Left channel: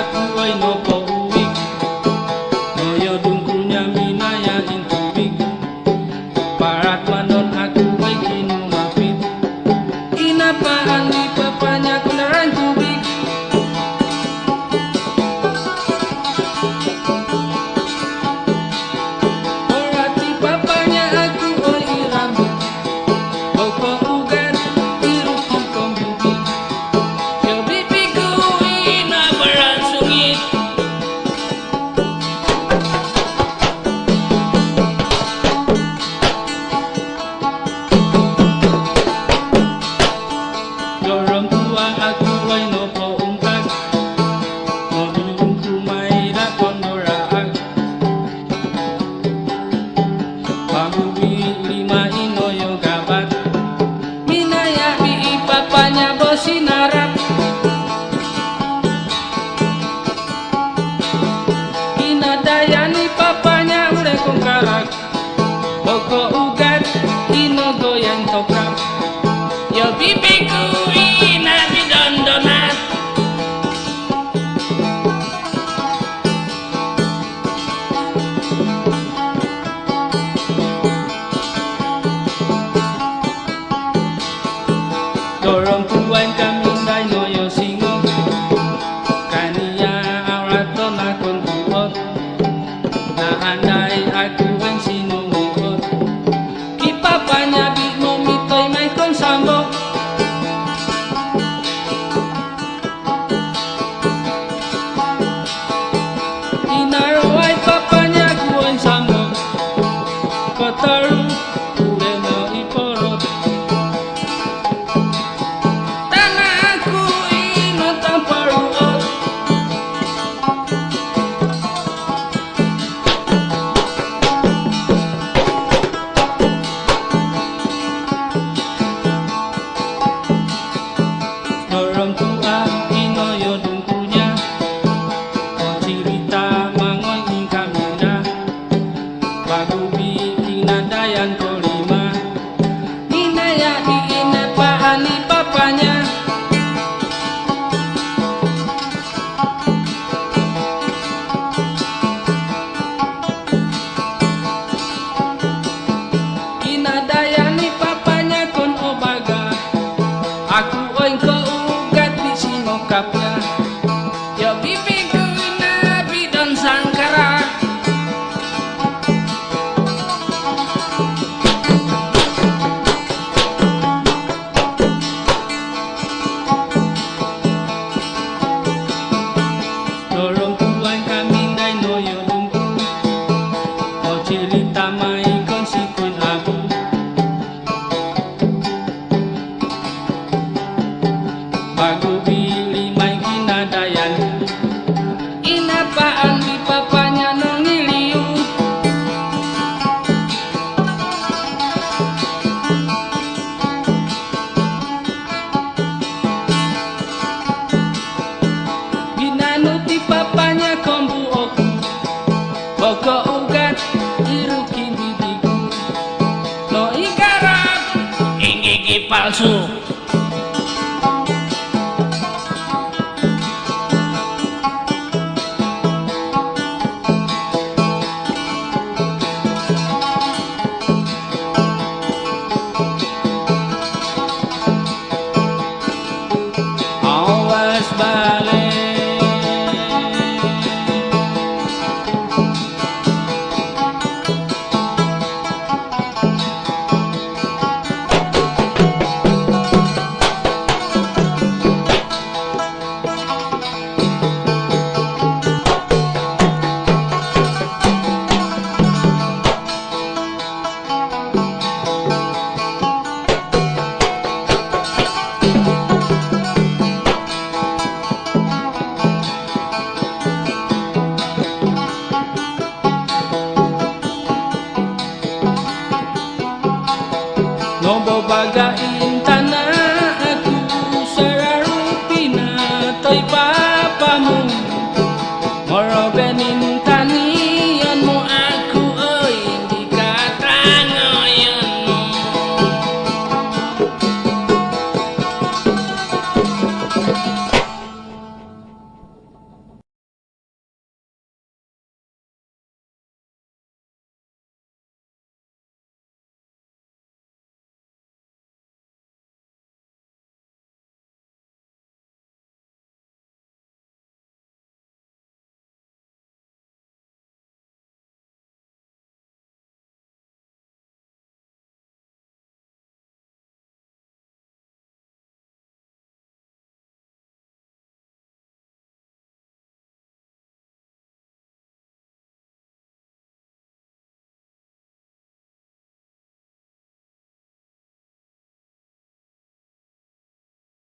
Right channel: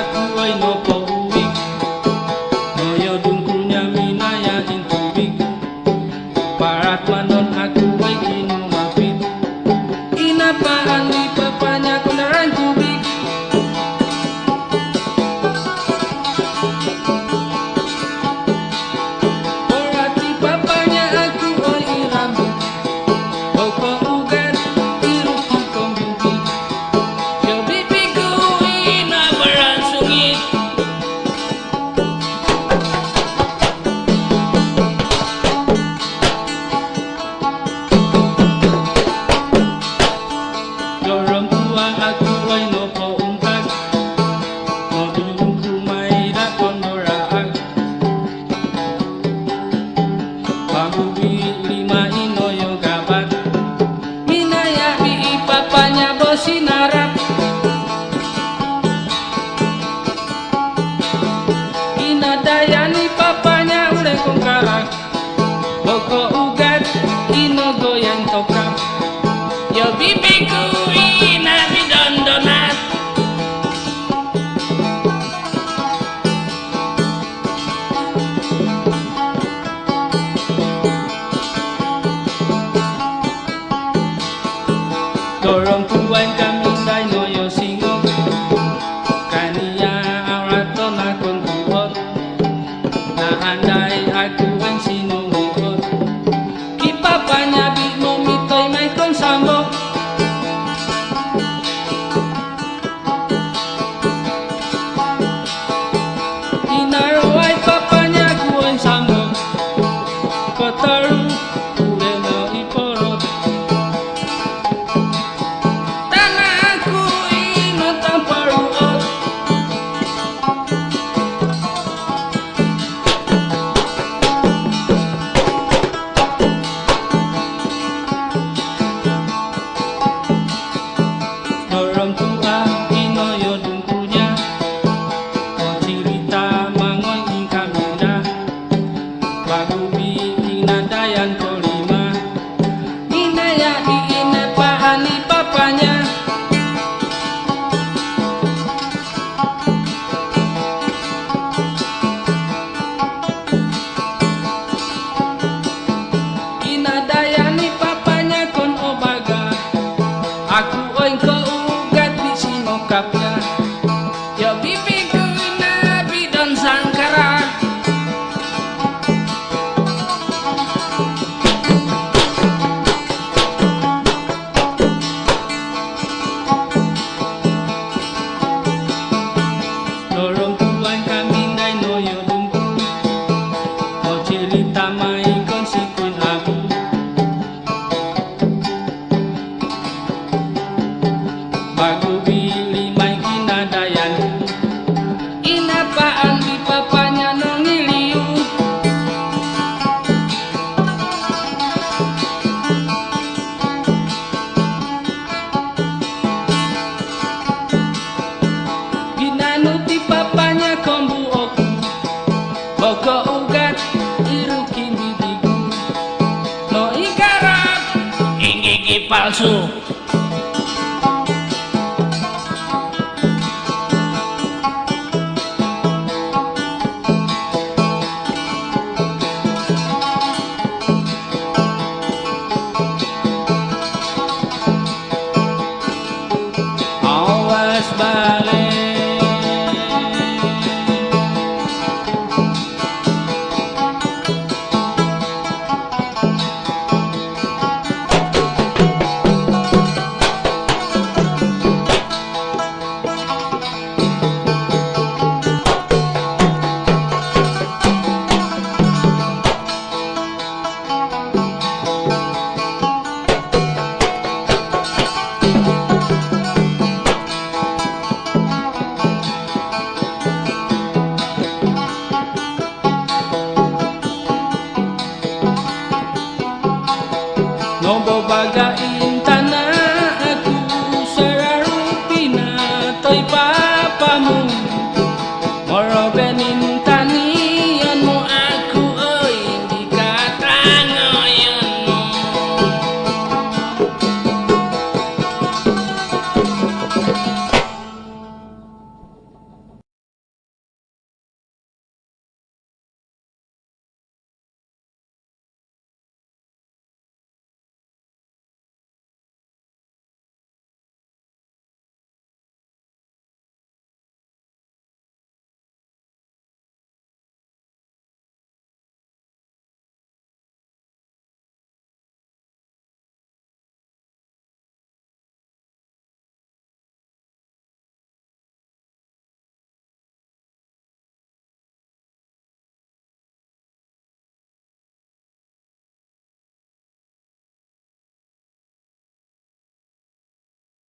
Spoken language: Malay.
aku ay nopo uwik noyo dungkulnya minaya intubig parat mandon aku ay kinumapit inapaan di papanya kundaran tubig porati papanya aku ay irambut boko ugat iruti kong bibi yo bibiku ina beransungit dorong tua aku ay nopo untag no dulung kumay da kondoraag Magubi lima inoyo gabat minaya bi papanya bosinarap kinadayani papanya udah kongkarak boko ugat ino goyang tokap yo bibiku ina bidondonat dorong tuan kaming day noyo singok kaniya araton akong tuot na anday aku ang sinuot kipapanya bi mo mitoy may konsambok inaraway papanya ku ang sambok kotaru ure na iporot tanahku ino tanpa ruot dorong tua inoyo dungkunya o cerita mangoy ingkamina bagubi kinadayan kolima minaya diinat paani papanya kinadayani papanya kon obaga aku oing keugat di sinokapnya ya bibiku na bidon sangkara dorong tuan kami day noyo dungku o cerita may konsikun abu bagubi limay kinadayanku inapaan di papanya nongiliu ginanuti papanya kombu oku boko ugat irukin bibiku no igarap ingigi palsu awas balik Nobo bagain tanah aku sararupina toy papamu moro benin tanian mo aku oy